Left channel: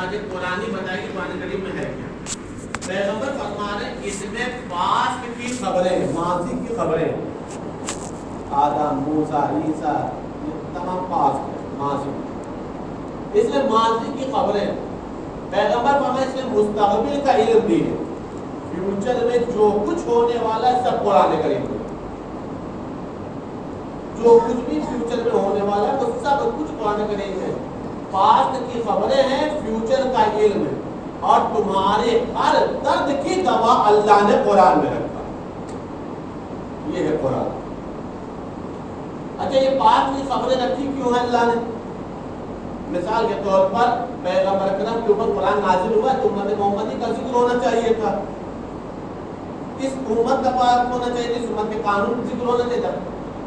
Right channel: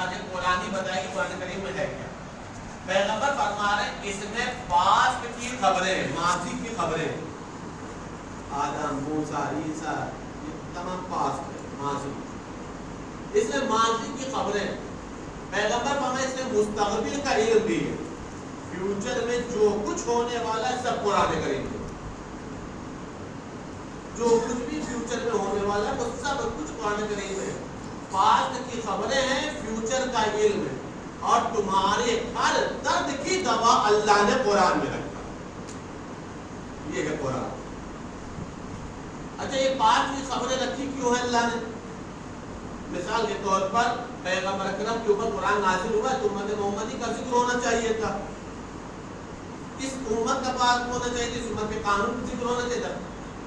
آگے قرآن ہی بتائے کہ قرآن کریم میں ہے کیا. پیغمبر فرما رہے ہیں اس میں پاسٹ کی خبریں، ماضی کی خبریں، آدم، موسیٰ، عیسیٰ، یہ تمام پاسٹ ہے، ماضی. اس میں ماضی کی خبریں. پیغمبر فرمائے اس میں مستقبل کا علم بھی ہے، فیوچر میں جو کچھ ہونے والا ہے سب قرآن کریم میں. جو کچھ بھی فیوچر میں ہونے والا ہے وہ سب کچھ قرآن کریم میں. پاسٹ کی خبریں ہیں، فیوچر کا علم ہے، اور تمہارے ہر درد کی دوا اللہ نے قرآن میں رکھا. یہ ہے قرآن. اچھا یہ پاسٹ کی خبریں رکھی کیوں ہے اللہ نے؟ مثال کے طور پر پیغمبر اکرم کے اوپر قرآن نازل ہوا تو امت محمدی کا ذکر ہونا چاہیے تھا، اس امت کا پاک ہونا چاہیے تھا، اس امت کے قانون کا ذکر ہونا چاہیے تھا.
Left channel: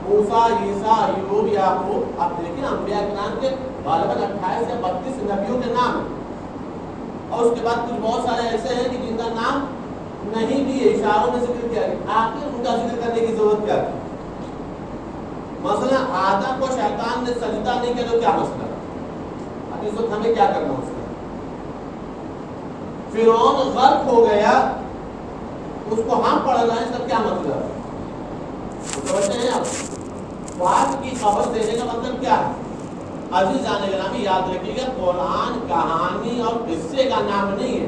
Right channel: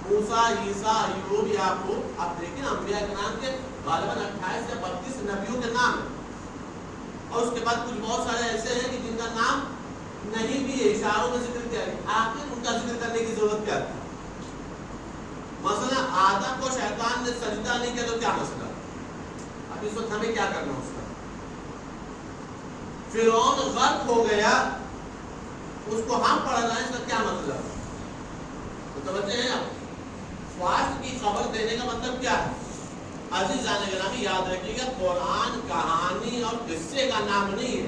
موسیٰ، عیسیٰ، ایوب، یعقوب، آپ دیکھیں انبیاء کرام کے غالباً 28 سے 32 نبیوں کے نام، اور اس کے بعد کچھ بہت سارے ایسے ہیں کہ جن کا نام نہیں بھی اشاروں میں ذکر کیا گیا. آخر ان کا ذکر کرنے کی ضرورت کیا تھی؟ مثلا آدم کو شیطان نے سجدہ نہیں کیا تو کیا مسئلہ؟ اب اس وقت ہمیں کیا کرنا اس کا؟ فرعون غرق ہو گیا، اس کو ہم پڑھ رہے ہیں، اس کا کیا مطلب؟ متوجہ ہیں آپ؟ پاسٹ کی خبر دینے کا مطلب کیا ہے؟ عزیزان گرامی یاد رکھیے گا، قرآن کہانی اور قصے کا نام نہیں ہے.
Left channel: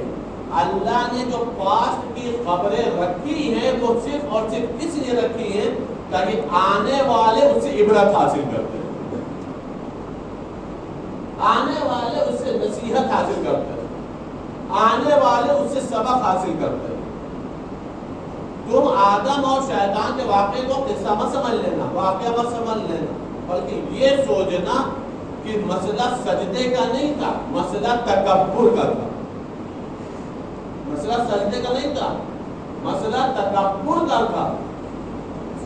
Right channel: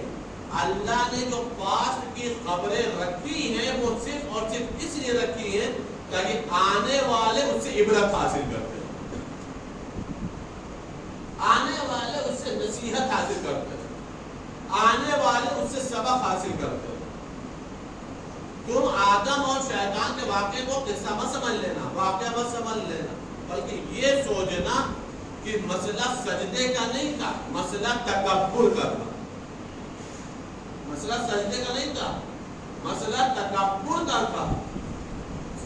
اللہ نے جو پاسٹ کی خبریں رکھی ہیں وہ صرف اور صرف اس لیے رکھی ہیں تاکہ آنے والے اس سے عبرت حاصل کرتے ہیں، آنے والے اس سے نصیحت حاصل کرتے ہیں، آنے والے اس سے سبق حاصل کرتے ہیں. تم آدم اور شیطان کے واقعے کو قصہ مت سمجھ لینا، واقعہ مت سمجھ لینا، بلکہ یہ سوچنا کہ مسئلہ سجدے کا نہیں تھا، مسئلہ تکبر کا تھا. مسئلہ سجدے کا نہیں تھا، مسئلہ تکبر کا تھا.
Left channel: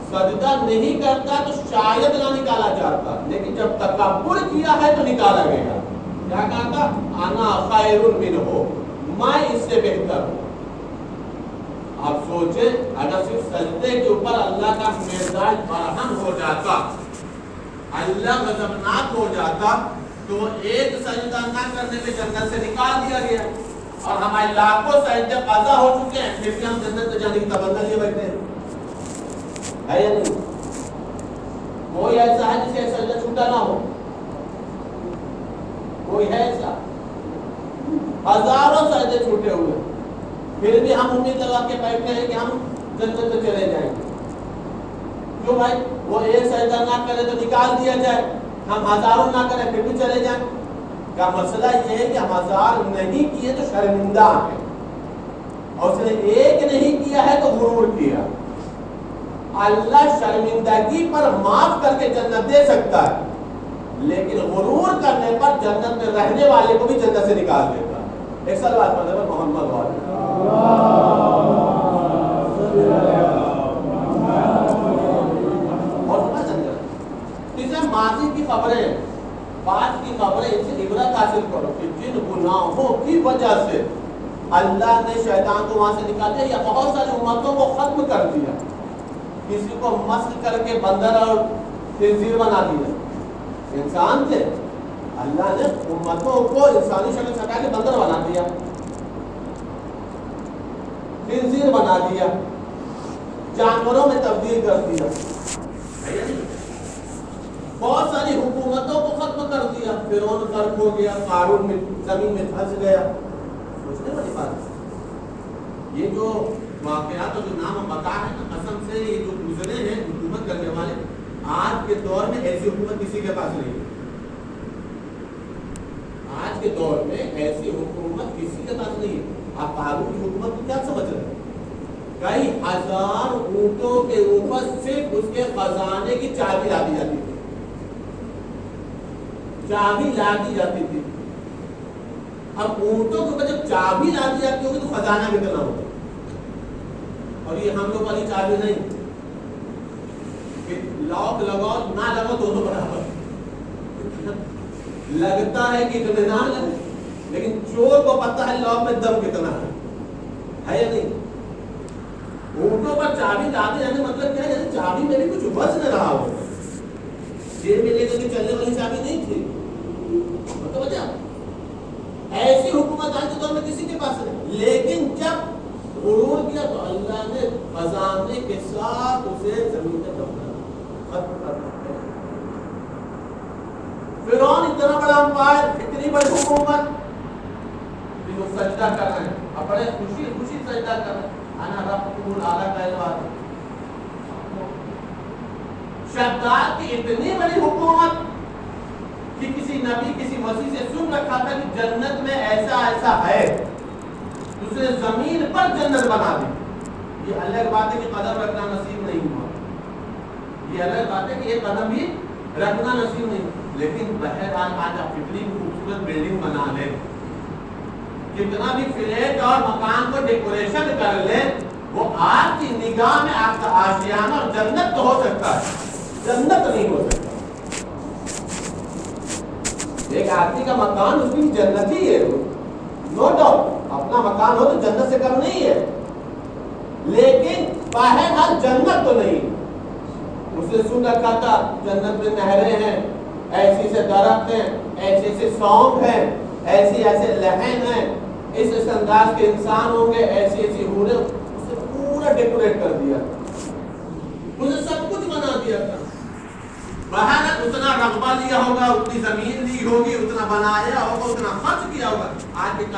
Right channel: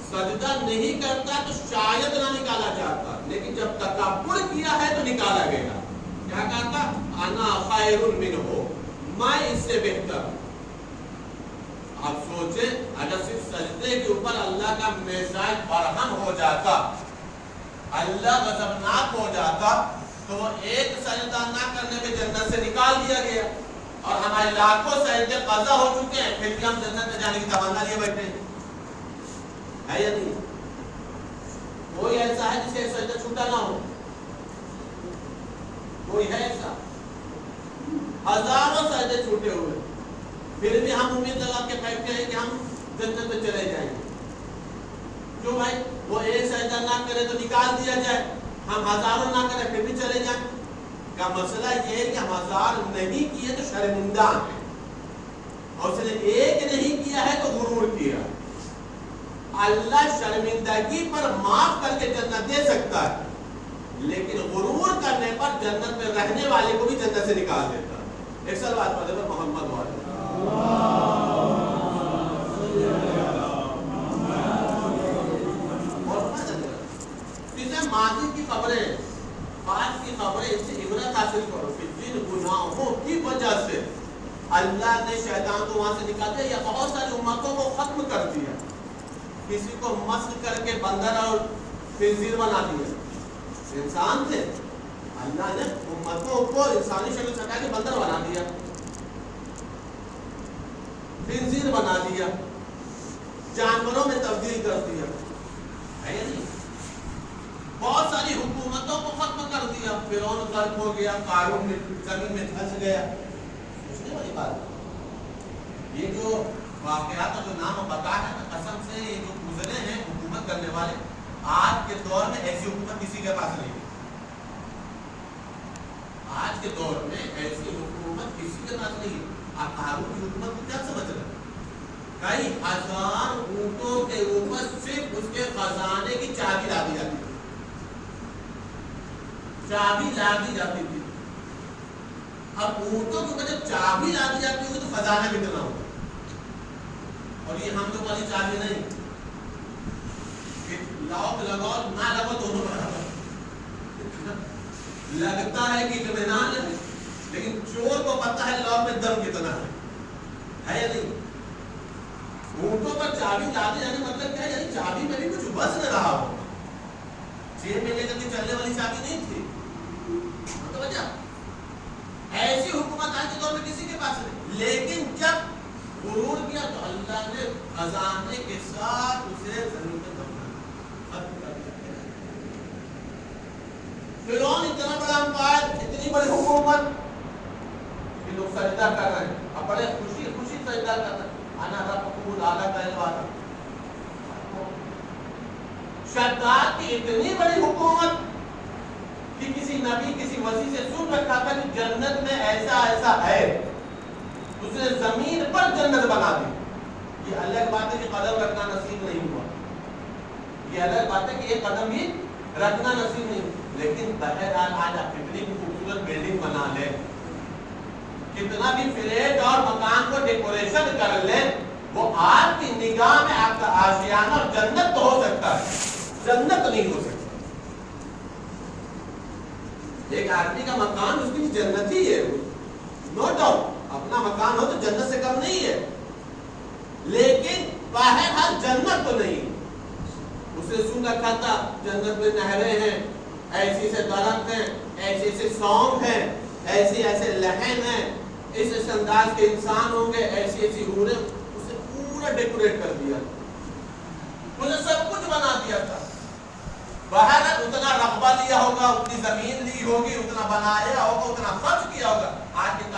سجدہ نہیں کرتا تو شاید نہ نکالا جاتا، لیکن جب تکبر کیا ہے تو نکالا گیا. کیا کہا تھا؟ انا خیر منہ، میں اس سے بہتر ہوں. آپ سوچیں اگر صرف سجدے کے اوپر اللہ کا مزاج برہم ہو جاتا، اللہ غضبناک ہو جاتا، تو ایک سجدہ نہ کرنے میں جنت سے نکال دیا گیا، اور ہمارے لاکھوں سجدے قضا ہو چکے ہیں، پھر بھی ہم جنت میں جانے کی تمنا لیے بیٹھے ہیں. ہے یا نہیں؟ کوئی ایسا ہے جس سے سجدہ چھوٹا نہ ہو؟ کوئی ہے ایسا؟ ہزاروں سجدے چھوٹے ہوئے، پھر بھی ہم امید لگا کے بیٹھے ہیں کہ ہم جنت میں چلے جائیں گے. کیوں بھائی؟ وہ ایک سجدہ نہ کرے تو نکال دیا جائے، ہم ہزاروں نہ کریں پھر بھی چلے جائیں. کا مسئلہ یہ ہے کہ ہم ہزار نہیں کیے تو شرمندہ ہیں، اور اس نے ایک نہیں کیا ہے تو غرور کیا. اللہ شرمندگی پر معاف کر کے جنت دے سکتا ہے، لیکن غرور کرنے پر جنت میں رہنے والے کو بھی جنت سے نکال دیتا ہے. ایک سال بات پڑھنے پر محمد والے ماضی کی خبریں، بعد کی خبریں، ان سے عبرت حاصل کرو کہ جن گناہوں کی وجہ سے اللہ نے شیطان کو وہاں سے نکال دیا یا بہت ساری امتوں کو ختم کر دیا. کسی کو مسخ کر کے بندر اور خنزیر بنا دیا. انسان تھے، اللہ نے امتوں کو انسانی شکل سے ہٹا کے بندر بنا دیا، خنزیر بنا دیا، جانوروں میں تبدیل کر دیا. ہے یا نہیں؟ بہت ساری حکومتوں کو ختم کر دیا. فرعون غرق ہو گیا، قارون میں زمین میں دھنس گیا. سوچنے والی بات یہ جو واقعات اور جو نام بتا ہے نا، قسم سے یہ جو گزرے ہیں حکومت کرنے والے، آج کے دور میں ایسی حکومت کسی کے پاس نہیں ہے. آج کے دور میں ایسی حکومت کسی کے پاس نہیں ہے. آپ قارون کی حکومت کو کیا سمجھ رہے ہیں؟ کئی ہزار اونٹوں کے اوپر صرف اس کے خزانے کی چابی لا دی جاتی تھی، چابی لا دی جاتی تھی. اب اونٹوں کے اوپر جب چابی لا دی جاتی ہوگی تو خزانہ کتنا ہوگا؟ اور یہ ہم لوگ والی چابی نہیں، لاک لگاؤ نہ لگاؤ دونوں برابر. لگتا ہے کہ اطمینان ہے، لیکن چور کو پتہ ہے لاک میں دم کتنا ہے یا نہیں؟ اونٹوں پر چابی لاتے جانے مطلب کیا ہے؟ یعنی چابی میں بھی کچھ بس نہ رہا ہو، جیب میں لے کر کے چلنے والی چابی نہیں تھی. مطلب ایسی حکومت آج کے دور میں کسی کے پاس نہیں. لیکن جب غرور کیا تو اللہ نے خزانے کے ساتھ اسے زمین میں ختم کر دیا. فرعون اتنا بڑا امپائر, اتنی بڑی حکومت, کہ وہ سجدہ کر رہے ہیں, اب بڑے خوشی خوشی سجدہ کر رہے ہیں. انا ربکم الاعلی کا جواب. شداد کی اتنی بڑی حکومت کہ کسی نبی کسی مسیح سے سن رکھا تھا کہ جنت میں ایسا ایسا ہے, اس نے زمین پر جنت بنا دی. یہ الگ بات ہے کہ قدم رکھنا نصیب نہیں ہوا, یہ الگ بات ہے کہ ایک قدم بھی رکھنا نصیب نہیں. لیکن بہرحال آج آپ کتنی بھی خوبصورت بلڈنگ بنا لیں, کتنا بھی فلیٹ اور مکان کو ڈیکوریشن کر لیں, وہ آپ کی نگاہ میں آپ کا آشیانہ اور جنت تو ہو سکتا ہے, جنت نہیں ہو سکتا. ایک آدمی کا مکان اس کی جنت ہی ہے, نو ڈاؤٹ, اپنا مکان ہو تو جنت سے کم نہیں ہے, لیکن بہرحال جنت تو نہیں. اسے سن رکھا تھا جنت میں نہریں ہیں, ایسی ایسے درخت ہیں, ایسے ایسے سونگ ہیں, ایسی ایسے لہن ہیں, اس انداز کے انسان ہوں گے, ایسی ایسی حوریں, اسے پورا ڈیکوریٹ کر دیا, اسے سب کچھ بنا دیا تھا. باہر اتنا رقبہ لیا ہوگا, اتنی زمین لی ہوگی, اتنا بنایا ہوگا, اتنا خرچ کیا ہوگا. آج کے